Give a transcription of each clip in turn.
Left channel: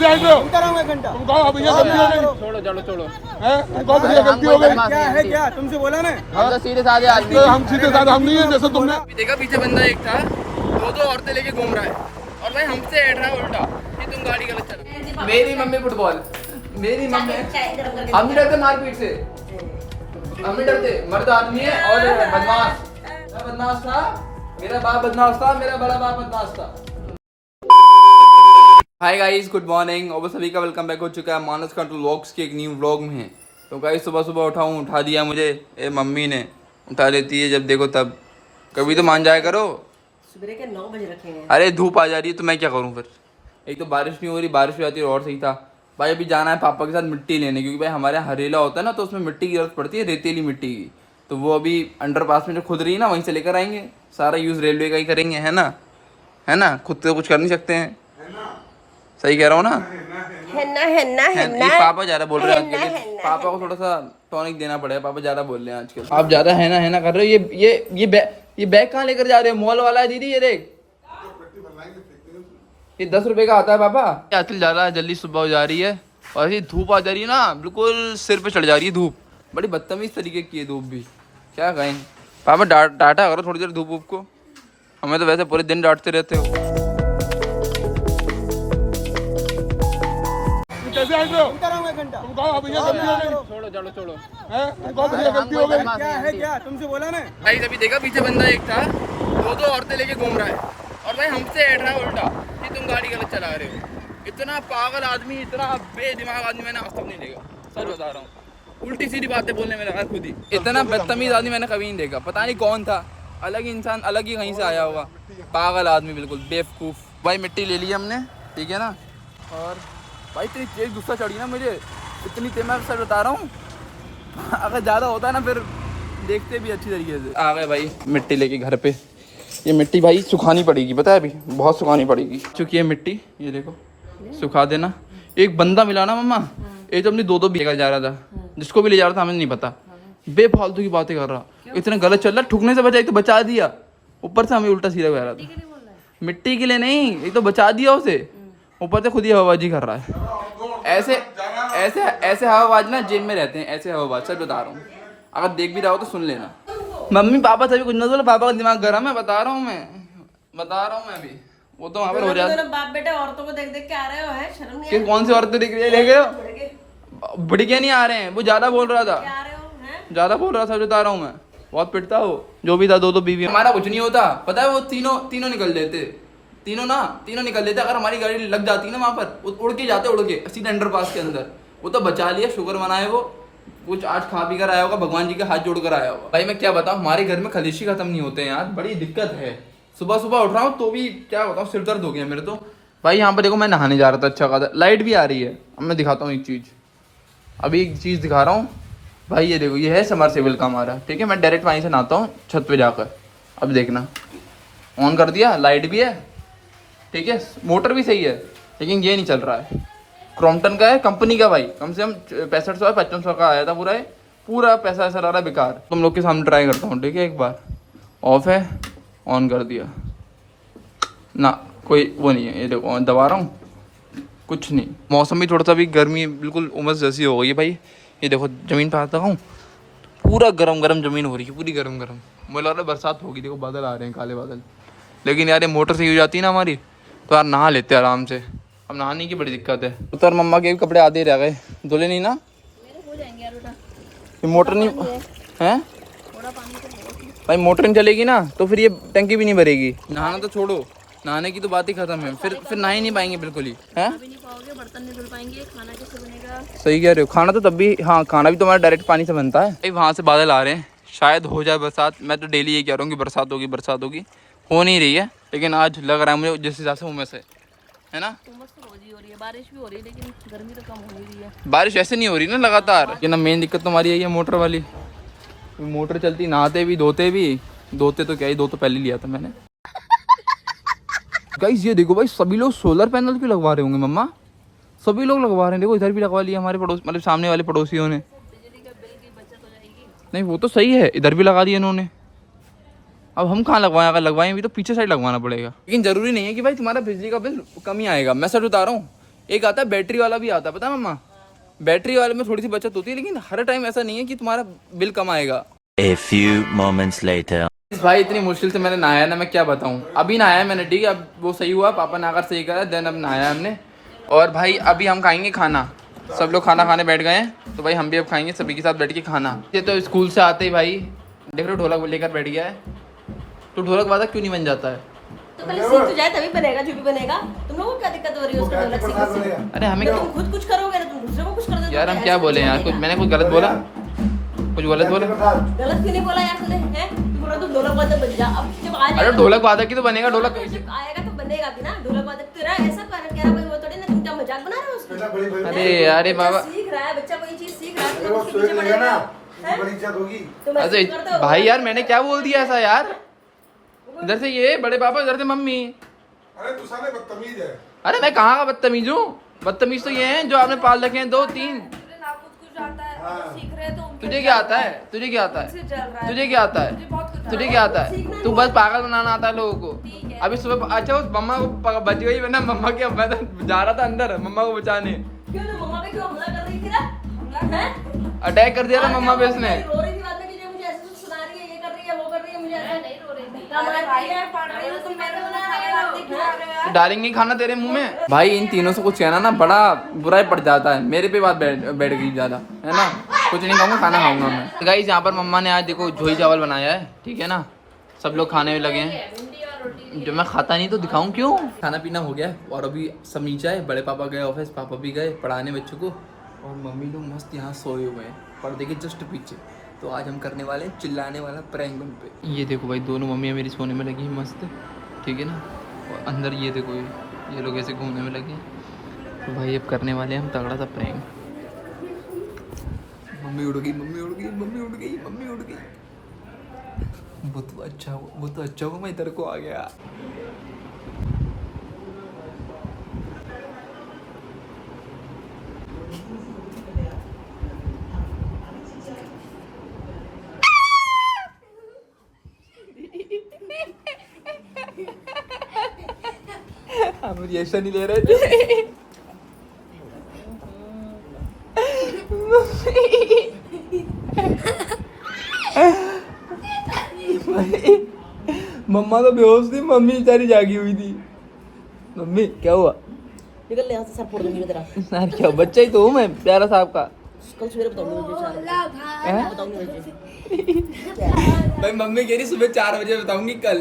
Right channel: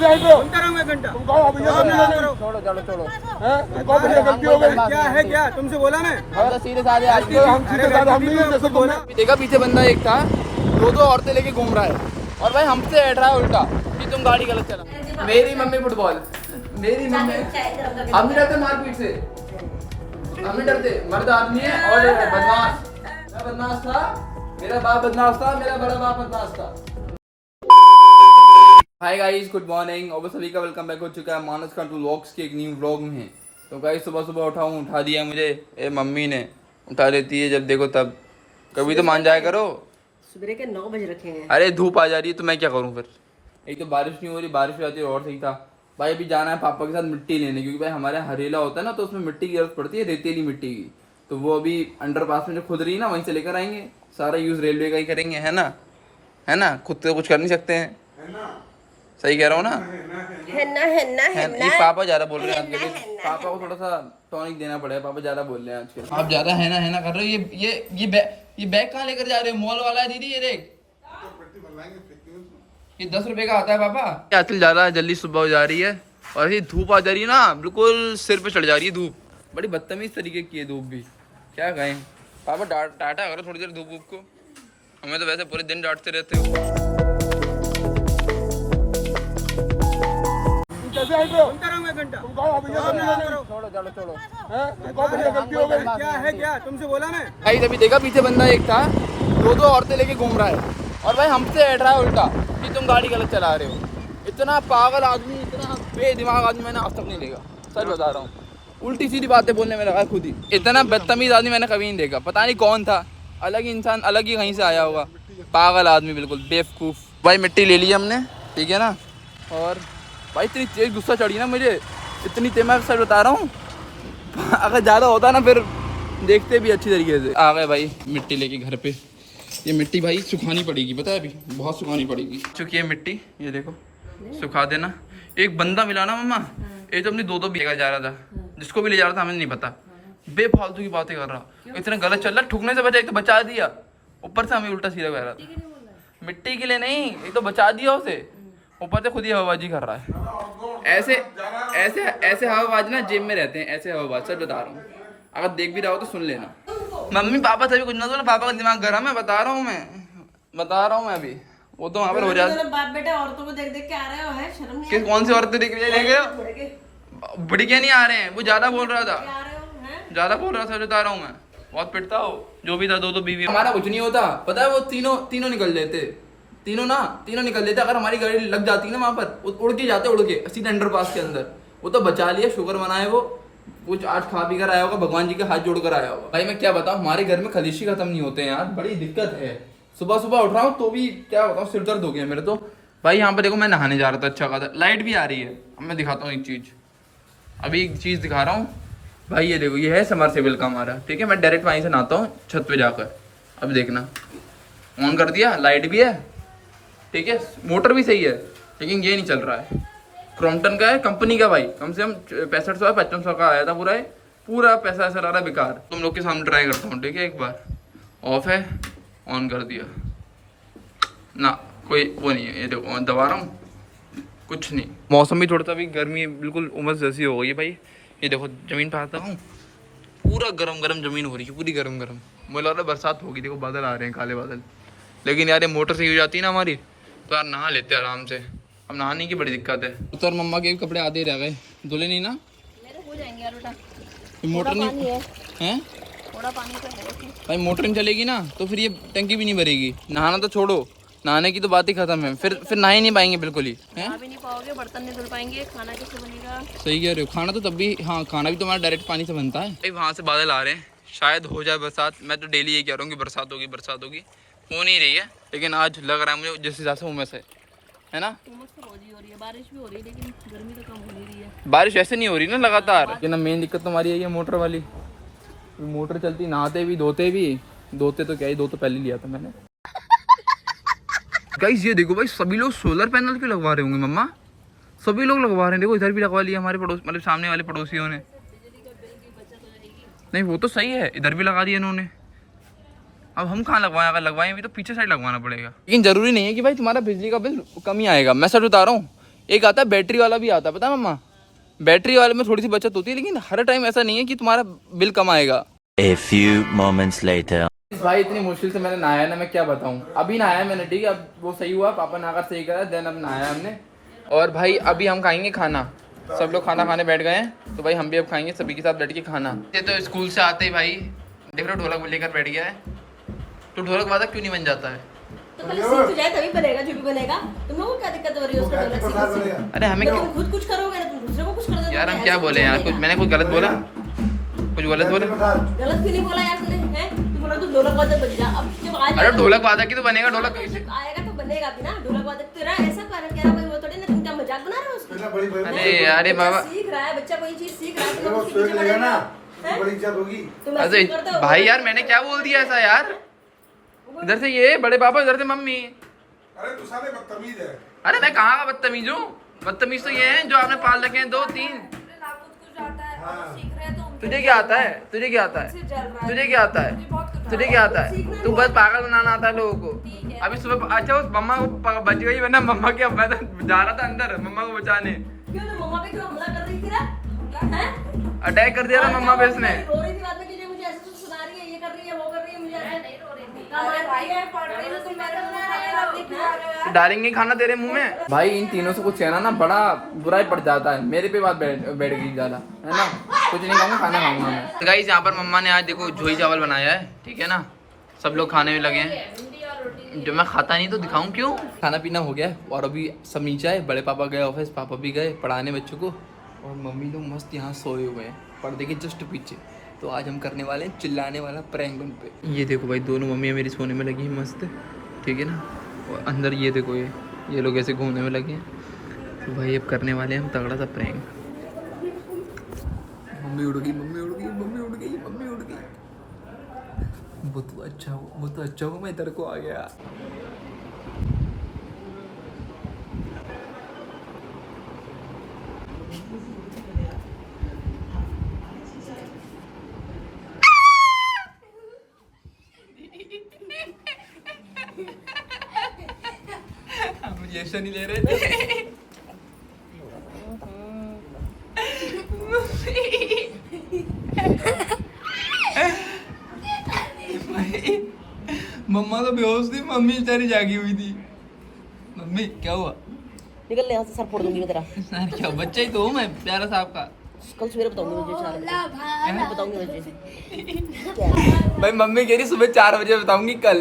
सुनता रहा मैं घंटा। छोड़ो चलो छोड़ो। क्या है क्या तुमसे बोला मैं? हम तो सीधे साधे आदमी हैं। हम सीधे साधे हम नहीं है जैसे तुमने देखा पीछे बंदा एक था, दो औरतें लेके घूम रहा है और भाई हमसे ऐड रहा है उल्टा कि तुम गाड़ी गलत चला। मेरी मम्मी फुटबॉल, मेरी मम्मी हम नहीं डरते मारपीट से, हम नहीं डरते। मर्द आदमी है और बदमाश। मैं बदमाश था, मेरा बाप बदमाश था, मेरा बड़ा बाप बदमाश था। हाय गाइस, गुड मॉर्निंग और सभी का वेलकम बैक हो चुका है मानस कंट्रोल व्लॉग्स के एक न्यू व्लॉग में। तो गाइस सुबह सुबह उठा दिया मुझे मम्मी ने, उठा देती है जब देखो तब। कभी तो मान जाया करो। सुबह के 9 बज रखे हैं। अरे धूप आ जा रही है तो मैं क्या करूँ फिर। एक तो बारिश नहीं हो रही, बारिश हो जाती है और सही था। भाई अभी जाना है पापा के साथ मिट्टी लेने, क्योंकि भाई हमारे यहाँ हरेला होता है ना, तो उसमें मिट्टी की जरूरत पड़ती है, रेतीली मिट्टी की। तो वो अभी अंडरपास में जो खुद रही है ना, वहीं से लेकर आएंगे। सारा यूज़ रेलवे का ही करेंगे, है ना, है ना। खुद तो कुछ कर नहीं सकते हैं। सही कह रहा हूँ ना? ये पापा ज़्यादा बोल रहे हैं आजकल। पापा को थोड़ा सा टॉनिक देना पड़ेगा, पापा ज़्यादा बोल रहे हैं आजकल। आप ज़्यादा है ना कर रहे हो। ये बैग कहाँ लेकर जा रहे हो? मॉल वाला है दीदी, ये देख, ये 10 रुपए का आता है पापा। आजकल ज़्यादा जल्दी सुबह हो जा रही है और ऐसी धूप आ जा रही है ना, बिल्कुल सिर पे चढ़ जा रही है धूप। बड़ी बदतमीज तरीके की है धूप भी, क्या कहें। पापा डांटा करो थोड़ी देर धूप को, हमें तो वैसे पूरे दिन डांटते रहते हो। सुनता रहा मैं घंटा। छोड़ो चलो छोड़ो। क्या है क्या तुमसे बोला मैं? भाई अभी देखा पीछे बंदा एक था, दो औरतें लेके घूम रहा है और भाई हमसे ऐड रहा है उल्टा कि तुम गाड़ी गलत चला रहे हो। इतना पागल आदमी, इतना बेदिमाग आदमी मैंने आज तक नहीं देखा, सच बता रहा हूँ। उल्टी सीधी बातें बोलने में लगा खुद ही। इतना बदतमीज आदमी मैंने कभी नहीं देखा। पता नहीं कौन था, अलग ही इंसान, अलग ही कहीं से आया होगा। पागल आदमी बिल्कुल बेवकूफ़। भाई मिट्टी ले ली हमने, ठीक है ना। और भाई इतनी तेज गुस्सा चढ़ी ना मुझे, इतनी तेज, मैं सच बता रहा हूँ। अगर ज़्यादा होता ना फिर देखते भी अच्छी तरीके से। आ गए भाई मिट्टी लेके घर पे। ये मिट्टी भाई सुखानी पड़ेगी, पता है, अभी बहुत सुखानी पड़ेगी। चुकी है मिट्टी, ये देखो, सुखा देना। एक बंदा मिला ना मम्मा, एक तो अपनी दो बीघा जा रहा था, जिसको भी ले जा रहा था हमें नहीं पता, बेफालतू की बातें कर रहा, इतना गलत चल रहा, ठुकने से बचा, तो बचा दिया, ऊपर से हमें उल्टा सीधा कह रहा था। मिट्टी के लिए नहीं, ये तो बचा दिया उसे, ऊपर से खुद ही हवाबाजी कर रहा है। ऐसे हवाबाज ना जेब में रहते हैं, ऐसे हवाबाज, सच बता रहा हूँ। अगर देख भी रहा हो तो सुन लेना। मम्मी पापा तभी कुछ ना बोलो, पापा का दिमाग गर्म है, बता रहा हूँ मैं अभी। वो तो वहाँ पर हो जाता है। बाप बेटे औरतों को देख देख के आ रहे हो, है शर्म नहीं? कि कौन सी औरतें देख रहे हो? बुढ़िया नहीं आ रहे हैं, वो ज्यादा बोल रहा था, ज्यादा बोल रहा था, बता रहा हूँ मैं। बहुत पिटता हो, जो भी था, दो बीवी। हमारा कुछ नहीं होता, पता है, वो तीनों निकल लेते, तीनों निकल लेते। अगर हमारी गाड़ी लग जाती ना वहाँ पर, उड़ के जाते, उड़ के सीधे अंडरपास के अंदर। वो तो बचा लिया, शुक्र मनाए। वो कुछ आज खा पी कर आया होगा, भगवान जी के हाथ जोड़ कर आया होगा। भाई मैं क्या बताऊँ, हमारे घर में खलीशी खत्म नहीं होते हैं यार, बड़ी दिक्कत है। सुबह सुबह उठ रहा हूँ तो भी क्या बताऊँ, सिर दर्द हो गया मेरे तो। भाई यहाँ पर देखो, मैं नहाने जा रहा था, अच्छा खासा, लाइट भी आ रही है। अब मैं दिखाता हूँ एक चीज़ दिखा रहा हूँ भाई। ये देखो, ये है समरसेबल का हमारा, ठीक है। मैं डायरेक्ट वहीं से नहाता हूँ छत पे जाकर। अब देखना, ऑन कर दिया, लाइट भी है, ठीक है, मोटर भी सही है, लेकिन ये नहीं चल रहा है। क्रॉम्पटन का है, कंपनी का भाई, कम से कम 6500 5500 का आया था पूरा पैसा ऐसा रहा बेकार। तुम लोग के सामने ट्राई करता हूँ, ठीक है। एक बार ऑफ है, ऑन कर दिया ना, कोई वो नहीं है। ये देखो दबा रहा हूँ, कुछ नहीं। मौसम भी थोड़ा सा भी गर्मी, बिल्कुल उमस जैसी हो गई है भाई। ये देखो ज़मीन पर आता हूँ, पूरा गरम ज़मीन हो रही है, पूरी गरम। मुझे लग रहा है बरसात होगी। देखो बादल आ रहे हैं, काले बादल। लेकिन यार ये मोटर सही हो जाती है ना हमारी, तो यार नहा लेते हैं आराम से। अब नहाने की बड़ी दिक्कत है। उतर मम्मा के भी कपड़े आधे रह गए, धुले नहीं ना, मेरे हो जाएंगे यार बेटा। ये मोटर नहीं है, थोड़ा पानी तो है भाई। मोटर नहीं चलेगी ना तो फिर ये टंकी भी नहीं भरेगी। नहाना तो छोड़ो, नहाने की तो बात ही खत्म है। फिर नहा ही नहीं पाएंगे बिल्कुल ही, है भी नहीं पाओगे, बर्तन नहीं धुल पाएंगे, खाना कैसे बनेगा? सही कह रहे हो। खाना तो तब भी, हाँ, खाना भी तो हमारा डायरेक्ट पानी से बनता है भाई। वहाँ से बादल आ रहे हैं, शायद हो जाए बरसात। मैं तो डेली ये कह रहा हूँ कि बरसात होगी, हो नहीं रही है। लेकिन आज लग रहा है मुझे जिस हिसाब से उमस है ना। उमस तो रोज ही हो रही है, बारिश भी हो रही है, लेकिन गर्मी तो कम हो ही रही है। बारिश ऐसे नहीं हो रही ना लगातार। लेकिन मेन दिक्कत तो हमारी यही है, मोटर वाली। मोटर चलती, नहाते भी, धोते तो क्या ही, दो तो पहले लिया था मैंने। गाइस ये देखो भाई, सभी लोग सोलर पैनल क्यों लगवा रहे होंगे मम्मा? सभी लोग लगवा रहे हैं, देखो इधर भी लगवा लिया हमारे पड़ोस, मतलब सामने वाले पड़ोसियों ने। नहीं वो तो सही है, इधर भी लगा दिया इन्होंने। अब हम कहाँ लगवाएं? अगर लगवाएं भी तो पीछे साइड लगवाना पड़ेगा। लेकिन जरूरी नहीं है कि भाई तुम्हारा बिजली का बिल कम ही आएगा। मैं सर बता रहा हूँ, एक आता है बैटरी वाला भी आता है, पता है मम्मा? बैटरी वाले में थोड़ी सी बचत होती है, लेकिन हर टाइम ऐसा नहीं है कि तुम्हारा बिल कम आएगा। A few moments later. भाई इतनी मुश्किल से मैंने नहाया ना, मैं क्या बताऊँ। अभी नहाया मैंने, ठीक है, अब वो सही हुआ, पापा नहाकर सही करा, देन अब नहाया हमने। और भाई अभी हम खाएंगे खाना, सब लोग खाना खाने बैठ गए हैं, तो भाई हम भी अब खाएंगे सभी के साथ बैठ के खाना। ये तो स्कूल से आते ही भाई देख रहे हो ढोलक लेकर बैठ गया है। तो ढोलक वादक क्यों नहीं बन जाता है? तो पहले सीख तो जाए तभी बनेगा, जो भी बनेगा। तुम लोगों को क्या दिक्कत हो रही है उसका ढोलक सीखने से? अरे हमें तुम खुद कुछ करोगे ना, तुम दूसरे को कुछ कर दोगे। यार हम क्या बोले यार, कुछ मैंने कुछ गलत बोला? कुछ गलत बोला? गलत क्यों नहीं बोला यार तूने? हैं तू बोला तू ढोलक वादक बन जा। अब जब आ जाएगा, अरे ढोलक वादक ही तो बनेगा। ढोलक जब आएगा तो बनेगा भी ना ढोलक वादक। तेरा ऐसा कारण कह रहा भाई, वो थोड़ी ना तुम क्या मजाक बना रहे हो उसकी? अरे अरे बाबा, सीख रहा है बच्चा, वही चीज सीख रहा है, तुम उसके पीछे पड़े ना। बड़ी इज्जत होगी। तुम अरे ऐसे कर दो। भाई यार मैंने क्या बोल दिया ऐसा यार? इधर से ये बड़े पापा, इधर से मम्मी। अरे तू साले बदतमीज है। अरे मैं कहाँ का बदतमीज हूँ? बदतमीज तो ये हैं जो आपने पाल रखे हैं 2-3। तुझे क्या आता है? तुझे क्या आता है? तुझे क्या आता है? तुझे क्या आता है? तू बस पागल बनाना आता है लोगों को। अभी सुबह अच्छा वो मम्मा को बच गई, वरना मम्मा के मैं तो जा रहा था अंदर मम्मा को बचाने। क्यों तो मम्मा पे क्यों हमला कर रही थी ना? हैं? अटैक कर दिया था मम्मा पे उसने। रो रही थी बाद में कि मुझे ऐसे कुछ सुना रही है, ये कर रही है, वो कर रही है, मुझे ऐसे नहीं रो रही थी। अरे भाई मैं पढ़ रही हूं, तुम मेरे को ना डालेंगे खाना तेरे मुंह में। भाई इन तीनों से कुछ कहना ना बड़ा बुरा ही पड़ जाता है। मेरे पे बात बैठ गई ज्यादा, है ना? कुछ नहीं कहूँगा, खाना खाऊंगा मैं। तो गाइस यहाँ पर मम्मा ने आज देखो झोई चावल बनाया है, ठीक है ना? सब लोग खाने में लगे हैं। जो मैं खाता नहीं तो दिखाऊं क्यों? खाना पीना हो गया और अभी सब नीचे है। बड़े पापा गए ऑफिस, पापा भी गए पढ़ाने बच्चों को, और मम्मी लोग मस्त यहाँ सोए हुए हैं पर्दे के जस्ट पीछे। तो आज हम करने वाले हैं चिल्लाने वाला प्रैंक उन पे। ये देखो भाई दोनों मम्मियाँ मेरी सोने में लगी हैं मस्त, ठीक है ना? और अंदर ये देखो ये लोग ऐसे घूमने में लगे हैं। तो भाई अब करने वाले हैं हम तगड़ा सा प्रैंक। मम्मी उड़ गई, मम्मी उड़ गई, मम्मी उड़ गई, मम्मी उड़ गई। वो तो अच्छा हो, वो तो अच्छा हो मैं इधर को आ गया। हम रिएक्शन नहीं ले रहे थे। मम्मा तो बेहोश थी, मम्मी बेचारी जागी हुई थी। मम्मी क्या हुआ? निकल ले यहाँ से, सर फोड़ दूंगी मैं तेरा। यार क्या बच्चा ही तो हूँ मैं, प्यारा साहब का। कल सवेरे बताऊंगी तुझे 4 बजे। बताऊंगी तुझे। भाई मम्मी कह रही सुबह 4 बजे बताऊंगी कल।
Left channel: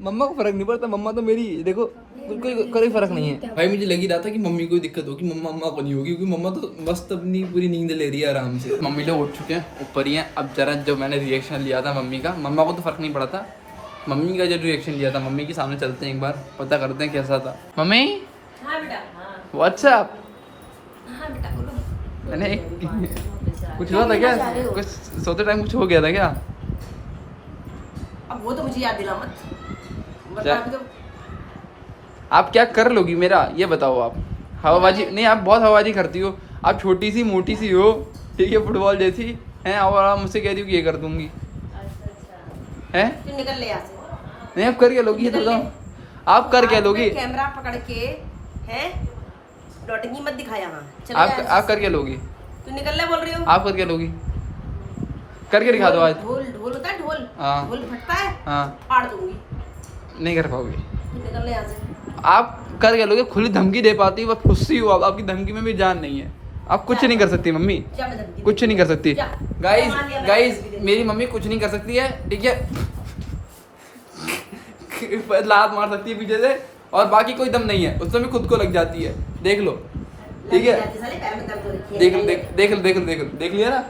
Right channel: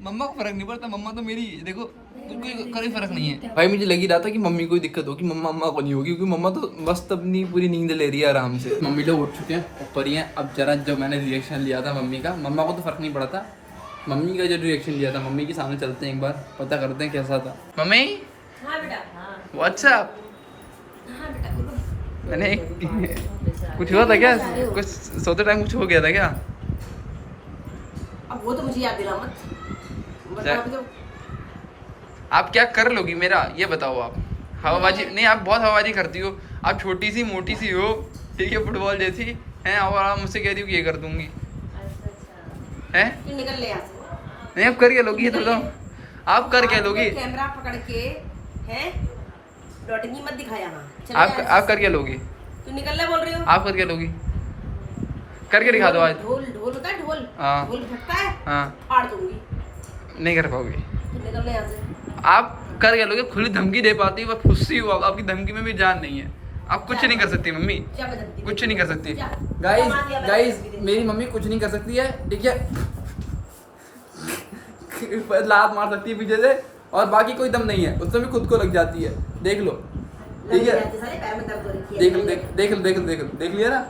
मम्मा को फर्क नहीं पड़ता, मम्मा तो मेरी देखो कोई फर्क नहीं है। भाई मुझे लगी रहा था कि मम्मी को दिक्कत होगी, मम्मा को नहीं होगी, क्योंकि मम्मा तो मस्त अपनी पूरी नींद ले रही है आराम से। मम्मी लोग उठ चुके हैं, ऊपर ही हैं। अब जरा जो मैंने रिएक्शन लिया था मम्मी का, मम्मा को तो फर्क नहीं पड़ा था, मम्मी का जो रिएक्शन लिया था मम्मी के सामने चलते हैं, एक बार पता करते हैं कैसा था। मम्मी हाँ बेटा, हाँ व्हाट्सएप हाँ बेटा बोलो। मैंने कुछ हुआ था क्या? कुछ सोते टाइम कुछ हो गया था क्या? अब वो तो मुझे याद दिला मत, वरना अभी तो आप क्या कर लोगी मेरा ये बताओ। आप हवाबाजी नहीं, आप बहुत हवाबाजी करती हो। आप छोटी सी मोटी सी हो, ठीक है, फुटबॉल जैसी हैं, और आप मुझसे कह रही हो कि ये कर दूंगी हैं? फिर निकल ले यहाँ से। नहीं आप कर क्या लोगी ये तो बताओ, आप कर क्या लोगी? कैमरा पकड़ के हैं डॉटिंग मत दिखा यहाँ। आप कर क्या लोगी? तू निकल ले बोल रही हो। आप कर क्या लोगी? करके दिखा दो आज। ढोल ढोल होता है, ढोल हाँ। ढोल फटता है, हाँ फाड़ दूंगी। नहीं कर पाओगे। तू निकल ले यहाँ से। आप कर क्या लोगे? खुली धमकी दे पाती हो, बस खुशी हो। आपकी धमकी में भी जान नहीं है, आप कुछ नहीं कर सकती मम्मी, जा मैं धमकी कुछ नहीं कर सकती। जा। गाइस मान लिया मैंने गाइस धमकी दी। मेरी मम्मी कुछ नहीं कर सकती है, ठीक है? लात मार सकती है पीछे से, और बाकी कोई दम नहीं है, उसमें भी खुद को लग जाती है, देख लो, ठीक है? साले पैर में दर्द हो रखी है। देख लो देख लिया ना?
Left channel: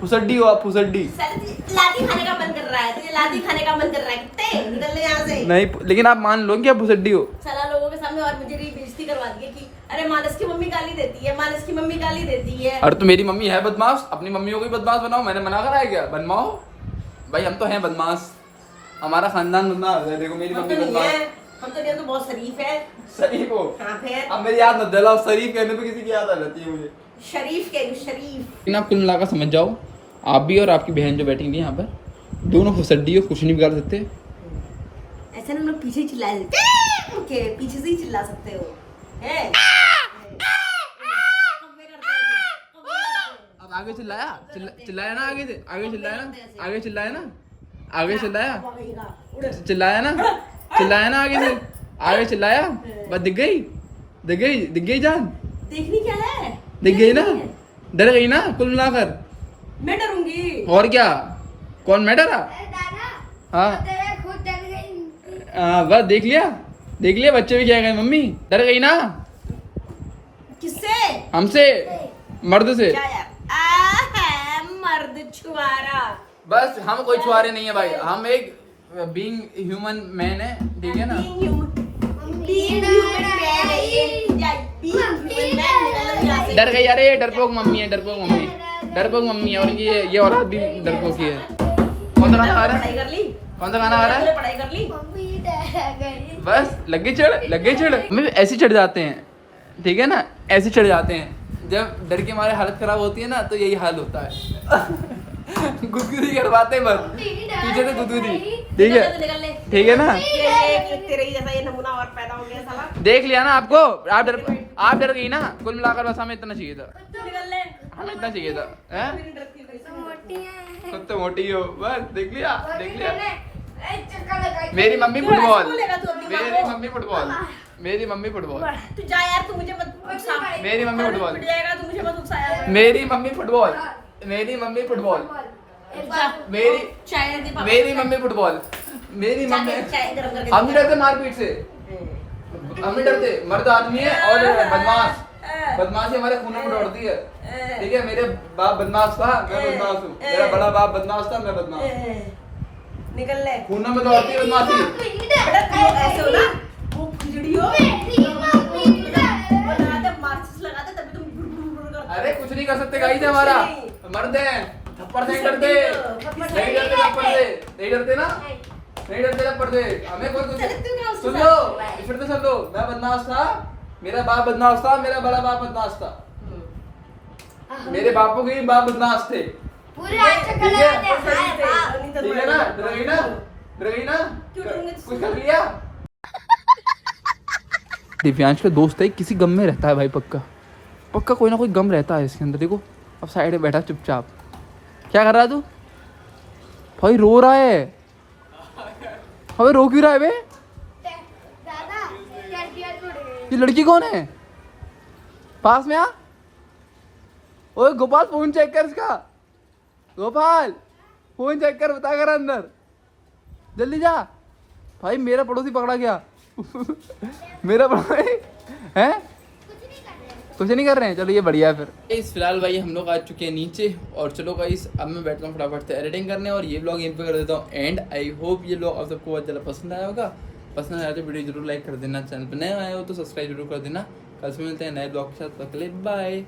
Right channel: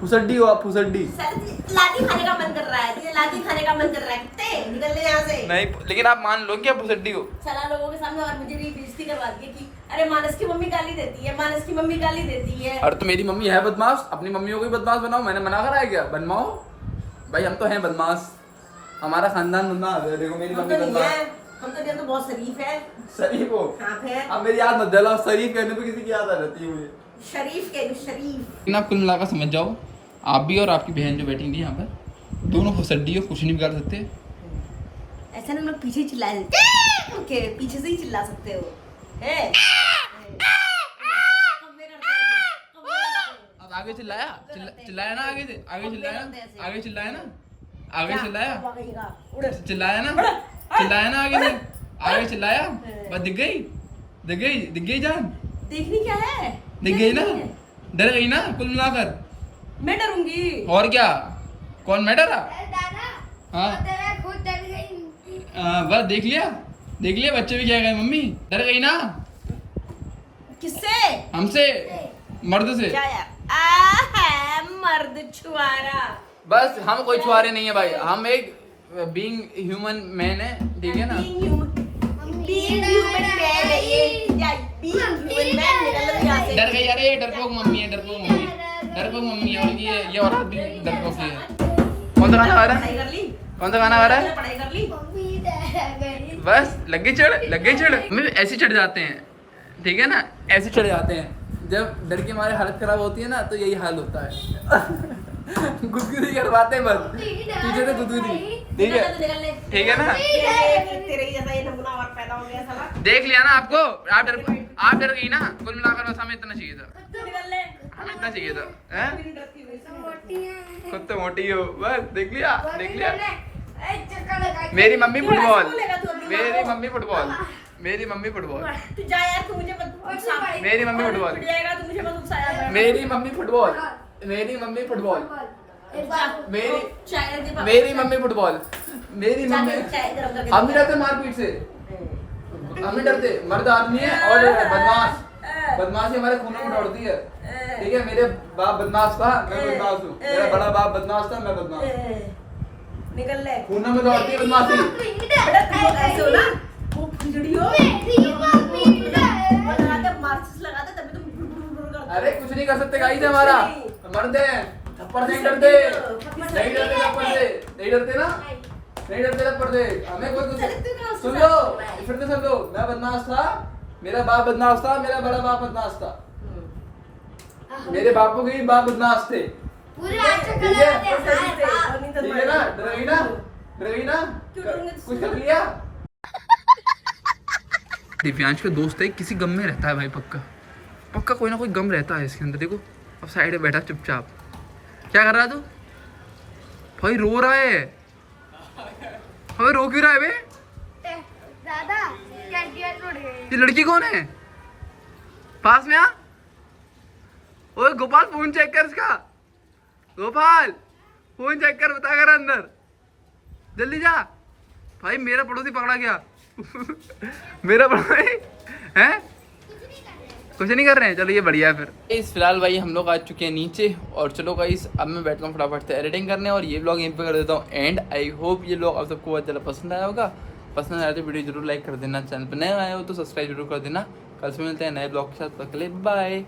फुसड्डी हो आप, फुसड्डी। लादी खाने का मन कर रहा है, तुझे लादी खाने का मन कर रहा है, कितने निकल ले यहाँ से। नहीं लेकिन आप मान लो कि आप फुसड्डी हो। साला लोगों के सामने और मुझे बेइज्जती करवा दी है कि अरे मानस की मम्मी गाली देती है, मानस की मम्मी गाली देती है। अरे तो मेरी मम्मी है बदमाश, अपनी मम्मियों को भी बदमाश बनाओ, मैंने मना करा है क्या? बनवाओ भाई, हम तो हैं बदमाश, हमारा खानदान बदमाश है। देखो मेरी हम मम्मी तो नहीं बदमाश। है, हम तो नहीं, हम तो बहुत शरीफ है। शरीफ हो? हाँ फिर अब मेरी याद मत दिलाओ, शरीफ कहने पे किसी की याद आ जाती है मुझे। शरीफ कह रही हूँ, शरीफ। लेकिन आप कुल मिलाकर समझ जाओ, आप भी और आपकी बहन जो बैठी थी यहाँ पे, दोनों फुसड्डी हो, कुछ नहीं बिगाड़ सकते। ऐसा ना हम लोग पीछे चिल्ला देते ओके पीछे से ही चिल्ला सकते हो है अब आगे चिल्लाया चिल्लाया ना आगे से आगे चिल्लाया ना आगे चिल्लाया ना आगे चिल्लाया चिल्लाया ना चिल्लाया ना आगे चिल्लाया बस दिख गई जान देखनी क्या है दिख गई ना डर गई ना कुल मिलाकर मैं डरूंगी और क्या कौन मैं डरा हाँ बस देख लिया बच्चे भी क्या गए मम्मी डर गई ना किससे हमसे मर्द से क्या यार मर्द छुआरा बस हम कोई छुआरे नहीं है भाई हम एक बीइंग ह्यूमन मैन है ठीक है ना डर गई अरे ये डरपोक मम्मी है डरपोक मम्मी है और ये औरत भी डरपोक ही है कौन सा गाना गा रहा है कौन सा गाना गा रहा है पढ़ाई कर ली बस लग गई चढ़ मम्मी ऐसे चढ़ जाते हैं ठीक है ना ऐसे चढ़ जाते हैं जब डर के हमारे हालत खराब होती है ना तो यही हाल होता है गुदगुदी करवाते बस पीछे से गुदगुदी ठीक है ना तेरे ही जैसा ये नमूना और पैदा हो गया साला देख लिया ना आपको आप डर गई ना कुल मिलाकर बस हमें इतना चाहिए था निकल ले हमें इतना चाहिए था हैं खुद तो मोटी हो बस देख लिया मेरी मम्मी फुटबॉल मेरी मम्मी फुटबॉल तू जा यार तू मुझे मत उकसा मेरी मम्मी फुटबॉल पिट जाएगा तू मुझे मत उकसा यार मेरी मम्मी फुटबॉल मेरी मम्मी फुटबॉल मेरी चाय दे पापा मेरी मम्मी फुटबॉल मेरी मम्मी चाय गरम करके हम नहीं डरते मारपीट से हम नहीं डरते मर्द आदमी है और बदमाशी हमारे खून में दौड़ती है ठीक है मेरे बाप बदमाश था मैं बदमाश हूँ मेरा बड़ा बाप बदमाश था मैं बदमाश निकल ले खून में दौड़ती है बदमाशी बेटा तू ऐसे हो ना वो खिचड़ी हो लगाते मार्क्स लगाते तभी तुम गुड़ करते अरे कुछ नहीं कर सकते गाइस हमारा मर्द है थप्पड़ से नहीं डरते थप्पड़ से नहीं डरते ना नहीं डरते थप्पड़ से हमें कोई कुछ सुन लो फिर से सुन लो मैं बदमाश था मेरा बाप बदमाश था मेरा बड़ा बाप बदमाश था मेरे बापू के भी बाप बदमाश थे ठीक है ना डर गई ना कुछ कर लिया दिव्यांश का दोस्त है किसी गम में रहता है भाई पक्का कोई ना कोई गम रहता है इसके अंदर देखो अब साइड में बैठा चुपचाप क्या कर रहा है तू भाई रो रहा है अबे रो क्यों रहा है बे ये लड़की कौन है पास में आ ओए गोपाल फोन चेक कर इसका गोपाल फोन चेक कर बता कर अंदर जल्दी जा भाई मेरा पड़ोसी पकड़ा गया मेरा पड़ोसी है कुछ नहीं कर रहे हैं चलो ये बढ़िया है फिर इस फिलहाल भाई हम लोग आ चुके हैं नीचे और चलो गाइस अब मैं बैठता हूँ फटाफट से एडिटिंग करने और ये व्लॉग यहीं पे कर देता हूँ एंड आई होप ये व्लॉग आप सबको बहुत ज़्यादा पसंद आया होगा पसंद आया तो वीडियो जरूर लाइक कर देना चैनल पर नए आए हो तो सब्सक्राइब जरूर कर देना कल से मिलते हैं नए ब्लॉग के साथ बाय।